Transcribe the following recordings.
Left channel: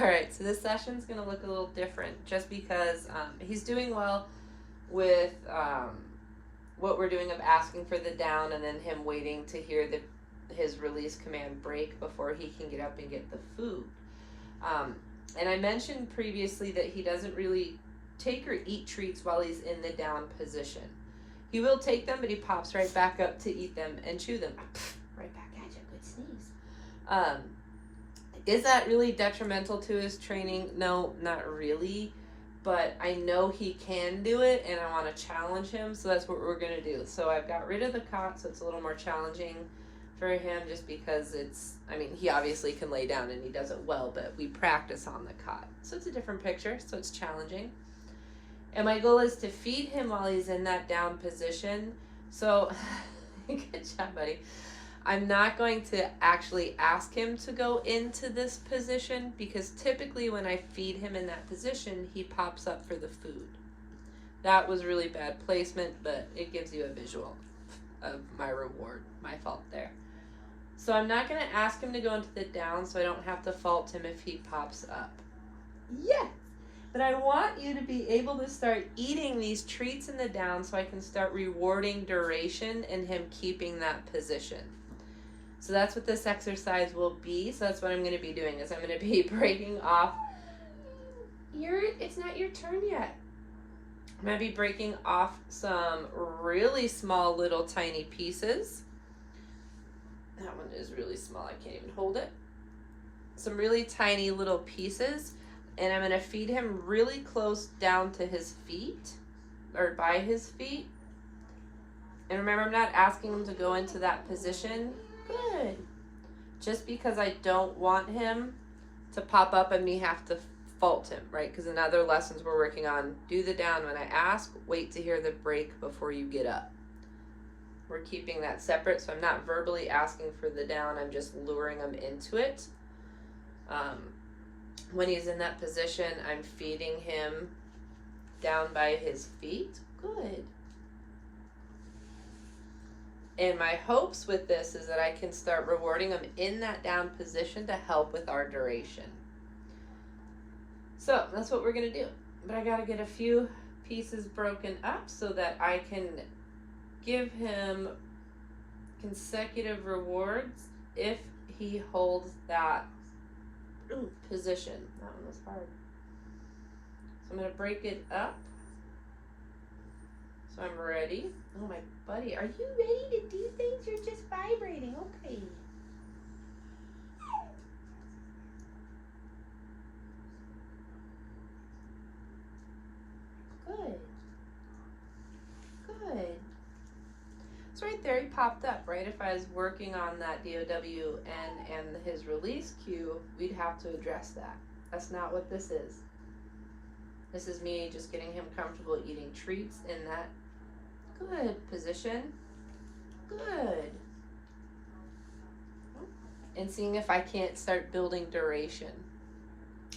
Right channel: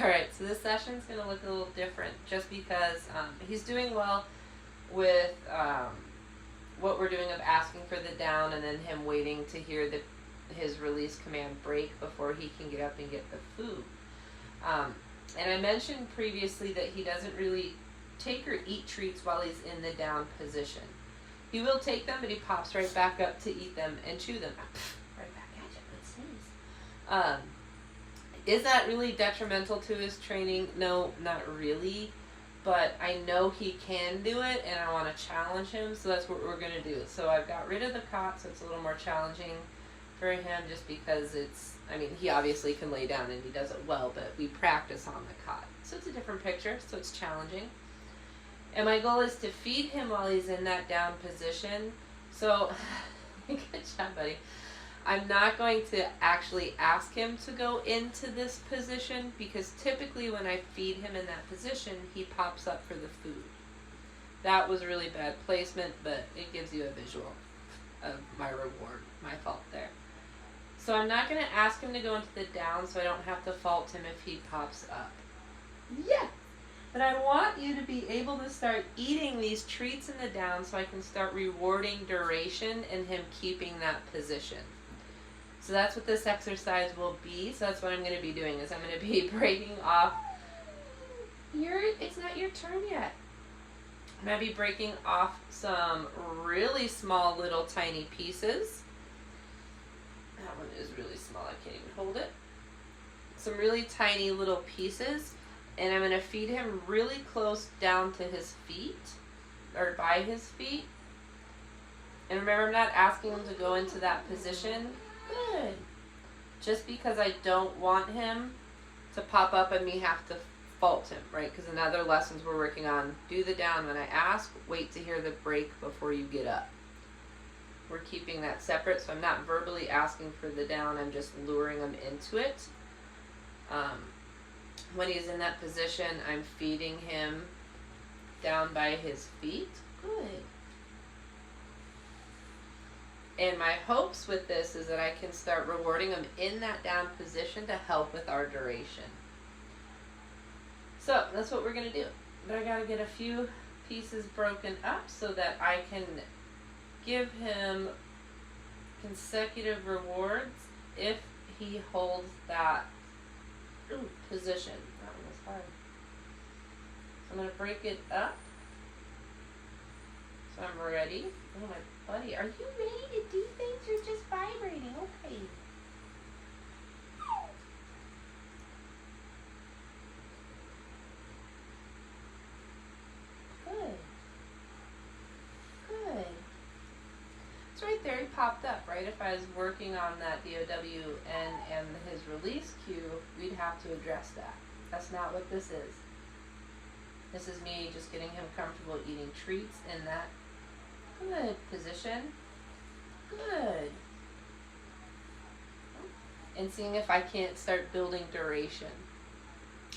Alright, so this session's going to look a little different just because he's doing well with what we're doing of asking for the down and then him waiting to hear his release command break before he can get up and get the food. And I mentioned previously that he doesn't really take or eat treats while he's in the down position. He will take them, but he pops right back up to eat them and chew them. Right back at you, good sneeze. Is that really detrimental to his training? No, not really. But I know he can do it, and I want to challenge him, so that's what we're going to do. So I've got rid of the cot, so it's a little more challenging for him just because he obviously can lay down and he does it well, but we practice on the cot. So it's a different picture, so it's challenging. And my goal is to feed him while he's in that down position. So, good job, buddy. I'm not going to actually ask him to go into this position because typically when I feed him in that position, he pops up for the food. That was really bad placement, but it gives you a visual of my reward. My fault there. So I'm not going to ask him to go into the down so I don't have to fault him if he pops up. Yeah! But I want you to be able to start eating these treats in the down so I can start rewarding duration and him keeping that position. So that's what this exercise will be. So that's what I'm going to be doing is I'm going to be breaking off. It's not your turn yet. I'm going to be breaking off some really small little tiny pieces. That one is really small. I can't even hold it. Some really tiny little pieces. And I'm going to feed him really close down to his feet, or by his feet. And remember, I'm not asking him to go into that position. Good. Just because I don't want him to pop up and me have to fault him, right? Because in other lessons we're working on, do the down when I ask, wait to hear the break before you get up. We're keeping that separate, so I'm not verbally asking for the down, I'm just luring him into it. When he's in that position, I'm feeding him down by his feet. Good. And my hopes with this is that I can start rewarding him in that down position to help with our duration. So that's what we're going to do. But I got to get a few pieces broken up so that I can give him consecutive rewards if he holds that position. That one was hard. So I'm going to break it up. So I'm ready. Oh, my buddy, are you ready to do things? You're just vibrating. Okay. Good. Good. It's right there. He popped up, right? If I was working on that DOW and his release cue, we'd have to address that. That's not what this is. This is me just getting him comfortable eating treats in that good position. Good. And seeing if I can't start building duration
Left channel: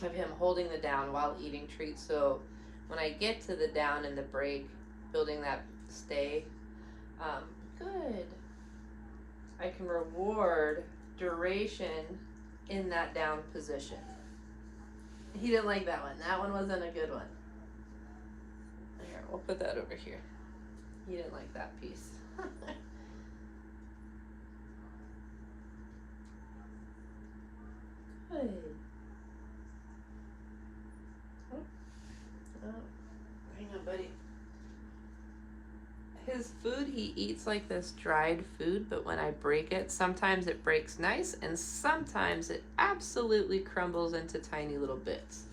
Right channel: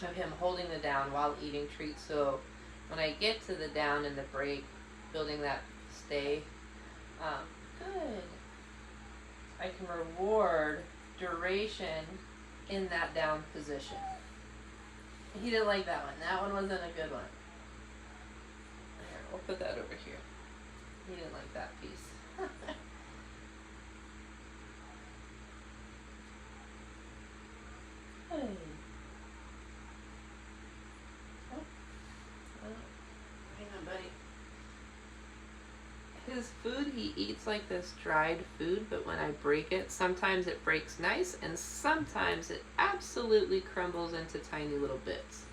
of him holding the down while eating treats. So when I get to the down and the break, building that stay. Good. I can reward duration in that down position. He didn't like that one. That one wasn't a good one. Here, we'll put that over here. He didn't like that piece. Good. Hang on, buddy. His food, he eats like this dried food, but when I break it, sometimes it breaks nice, and sometimes it absolutely crumbles into tiny little bits.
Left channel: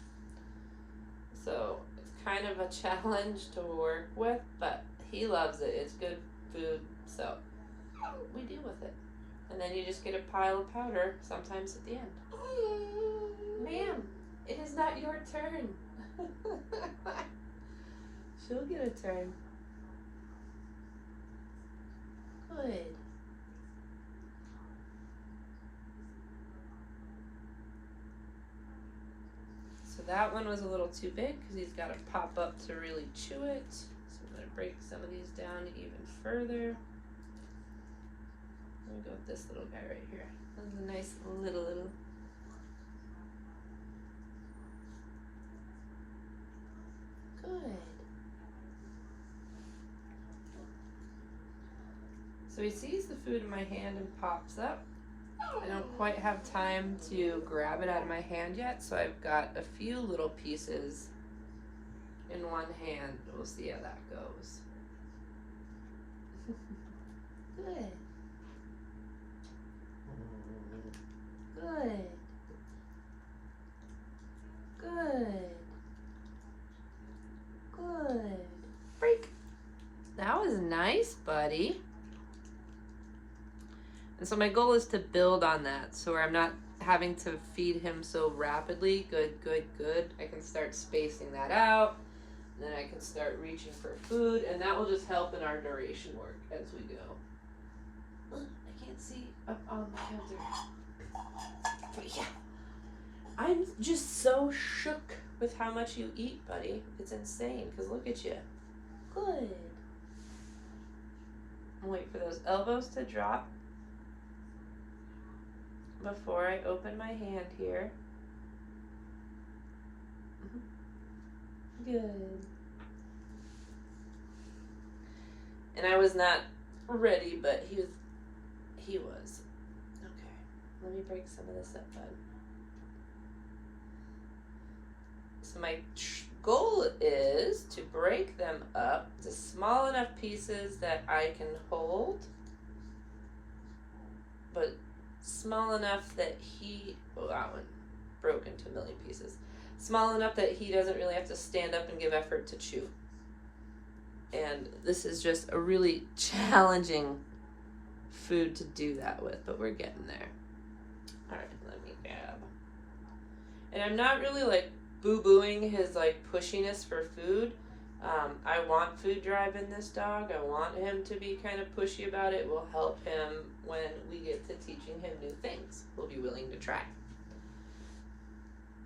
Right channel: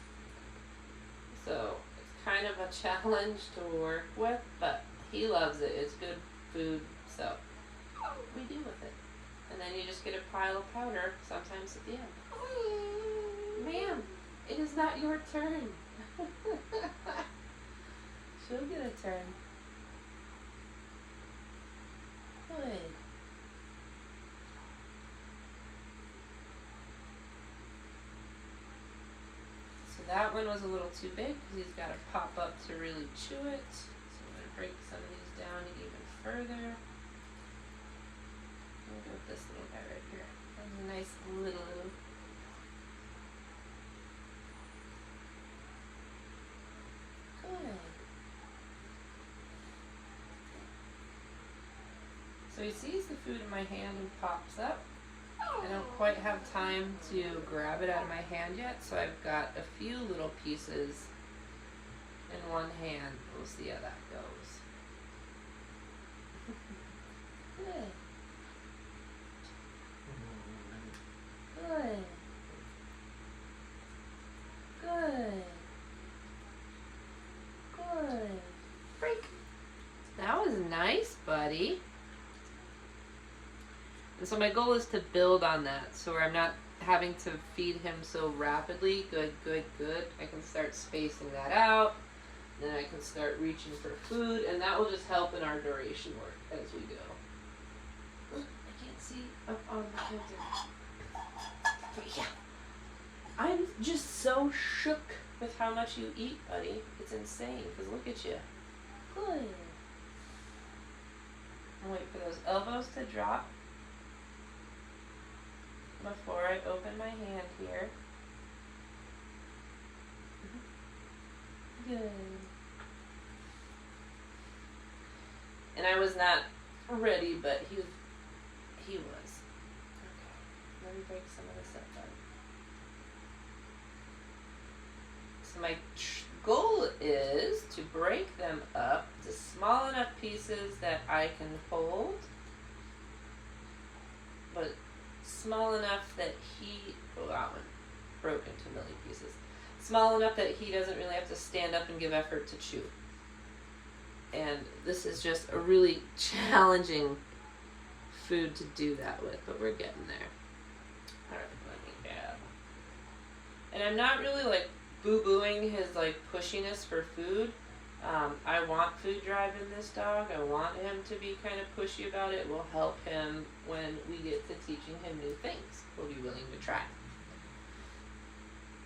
So it's kind of a challenge to work with, but he loves it. It's good food, so we deal with it. And then you just get a pile of powder sometimes at the end. Ma'am, it is not your turn. She'll get a turn. Good. So that one was a little too big because he's got to pop up to really chew it. So I'm going to break some of these down even further. I'm going to go with this little guy right here. That's a nice little. So he sees the food in my hand and pops up. I don't quite have time to grab it out of my hand yet, so I've got a few little pieces in one hand. We'll see how that goes. Good. Good. Good. Good. Break. That was nice, buddy. And so my goal is to build on that, so I'm not having to feed him so rapidly. Good, good, good. I can start spacing that out. Then I can start reaching for food, and that will just help in our duration work as we go. I can't see up on the counter. Okay, yeah. I'm just so shook with how much you eat, buddy. It's insane, because look at you. Good. I'll wait for those elbows to drop before I open my hand here. Good. And I was not ready, but he was. Okay. Let me break some of this up, bud. So my goal is to break them up to small enough pieces that I can hold, but small enough that that one broke into a million pieces. Small enough that he doesn't really have to stand up and give effort to chew. And this is just a really challenging food to do that with, but we're getting there. Alright, let me add. And I'm not really like boo-booing his like pushiness for food. I want food drive in this dog. I want him to be kind of pushy about it. Will help him when we get to teaching him new things. We'll be willing to try.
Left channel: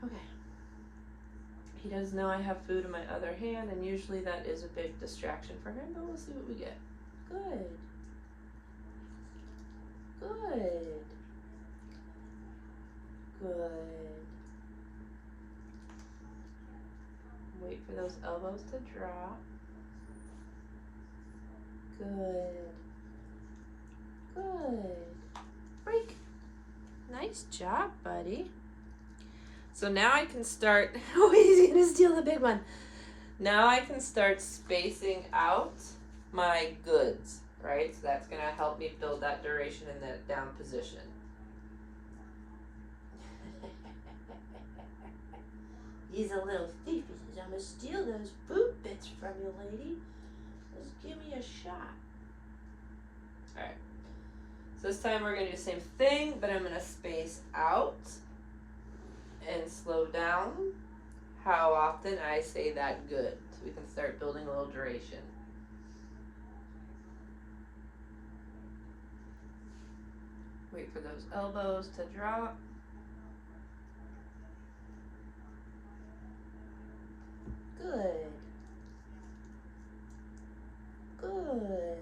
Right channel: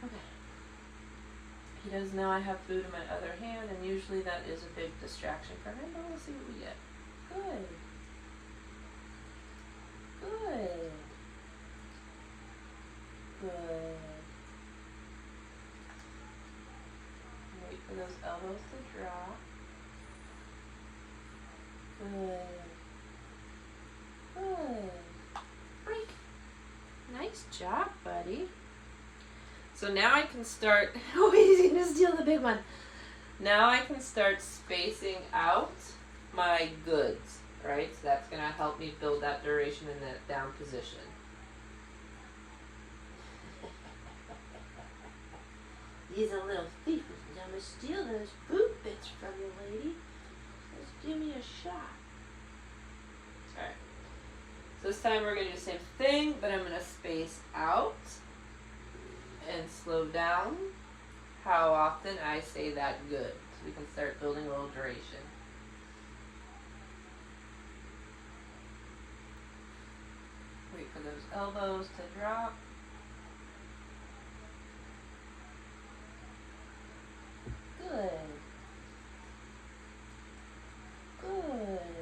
Okay. He does know I have food in my other hand, and usually that is a big distraction for him, but we'll see what we get. Good. Good. Good. Wait for those elbows to drop. Good. Good. Break. Nice job, buddy. So now I can start, oh, he's gonna steal the big one. Now I can start spacing out my goods, right? So that's gonna help me build that duration in that down position. He's a little thief. I'm gonna steal those boot bits from you, lady. Just give me a shot. Alright. So this time we're gonna do the same thing, but I'm gonna space out and slow down how often I say that good. So we can start building a little duration. Wait for those elbows to drop. Good. Good.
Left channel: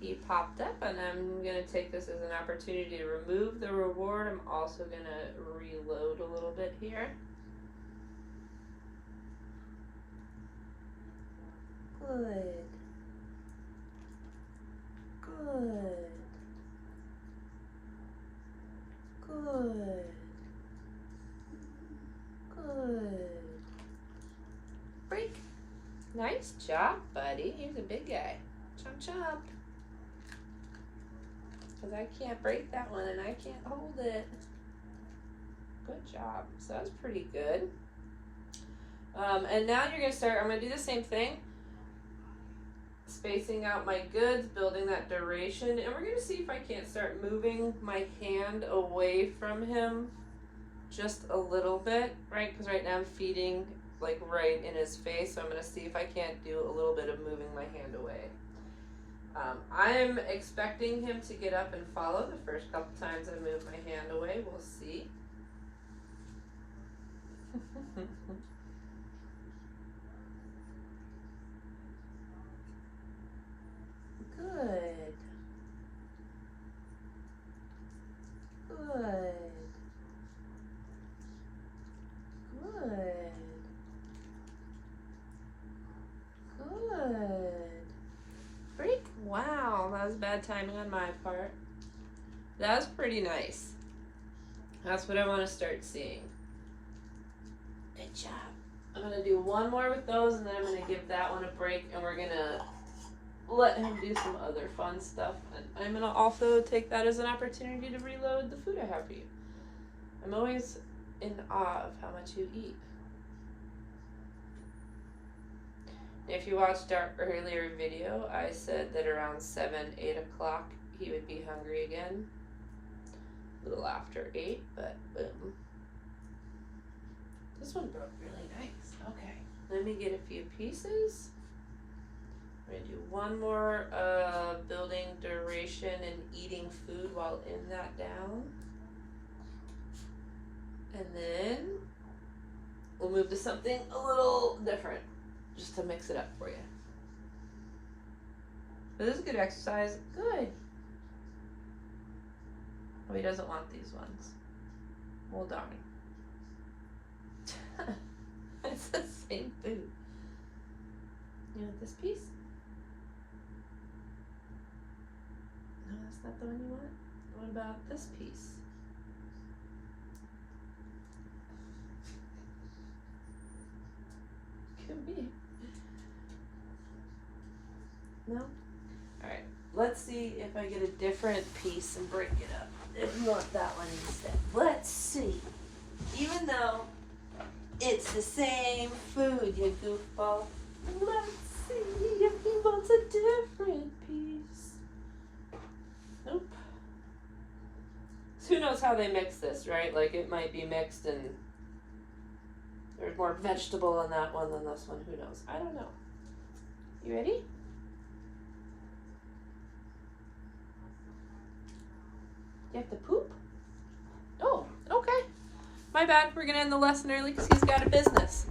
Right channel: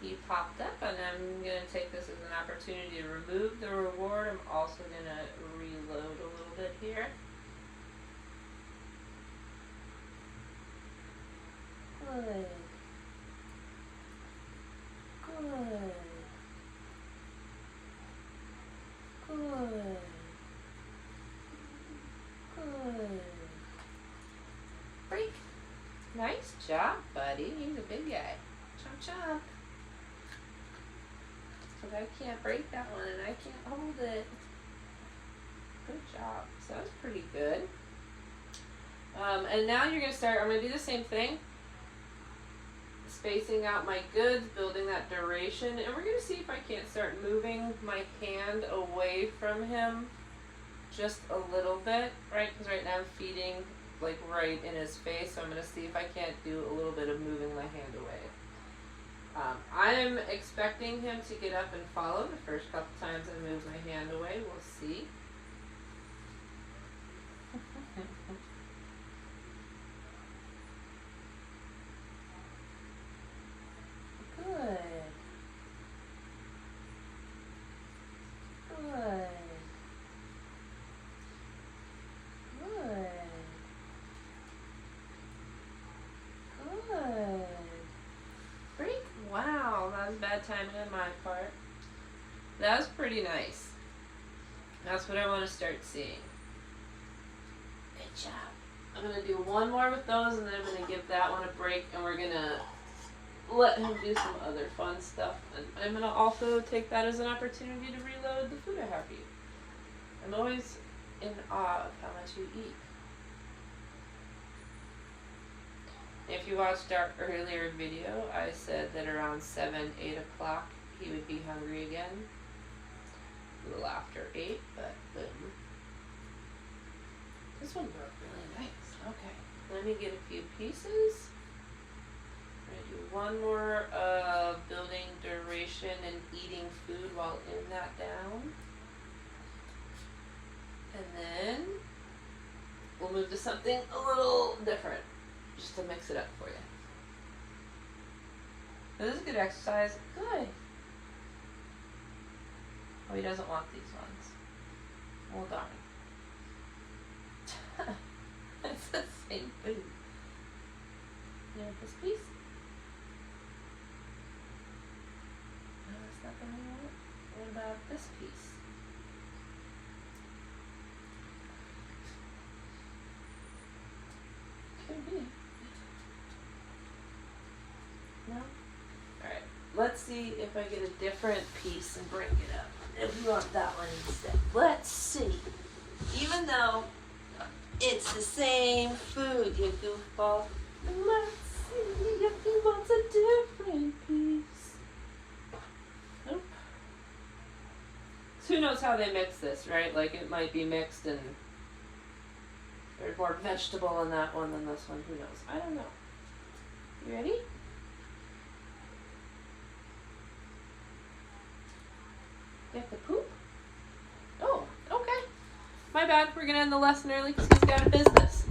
He popped up, and I'm going to take this as an opportunity to remove the reward. I'm also going to reload a little bit here. Good. Good. Good. Good. Break. Nice job, buddy. He's a big guy. Chomp chomp. Because I can't break that one and I can't hold it. Good job. So that was pretty good. And now you're going to start, I'm going to do the same thing. Spacing out my goods, building that duration, and we're going to see if I can't start moving my hand away from him just a little bit, right? Because right now I'm feeding like right in his face, so I'm going to see if I can't do a little bit of moving my hand away. I'm expecting him to get up and follow the first couple times I move my hand away. We'll see. Good. Good. time on my part. That was pretty nice. That's what I want to start seeing. Good job. I'm going to do one more with those, and then I'm going to give that one a break, and we're going to let him do some other fun stuff. And I'm going to also take that as an opportunity to reload the food I have for you. I'm always in awe of how much you eat. If you watched our earlier video, I said that around 7, 8 o'clock he would be hungry again. A little after 8, but boom. This one broke really nice. Okay. Let me get a few pieces. I'm going to do one more building duration and eating food while in that down. And then we'll move to something a little different, just to mix it up for you. This is good exercise. Good. Oh, he doesn't want these ones. Well, darn. It's the same food. You want this piece? No, that's not the one you want. What about this piece? Could be. No? Alright. Let's see if I get a different piece and break it up. If you want that one instead. Let's see. Even though it's the same food, you goofball. Let's see if he wants a different piece. Nope. So who knows how they mix this, right? Like it might be mixed and there's more vegetable in that one than this one. Who knows? I don't know. You ready? You have to poop? Oh, okay. My bad. We're going to end the lesson early because he's got a business.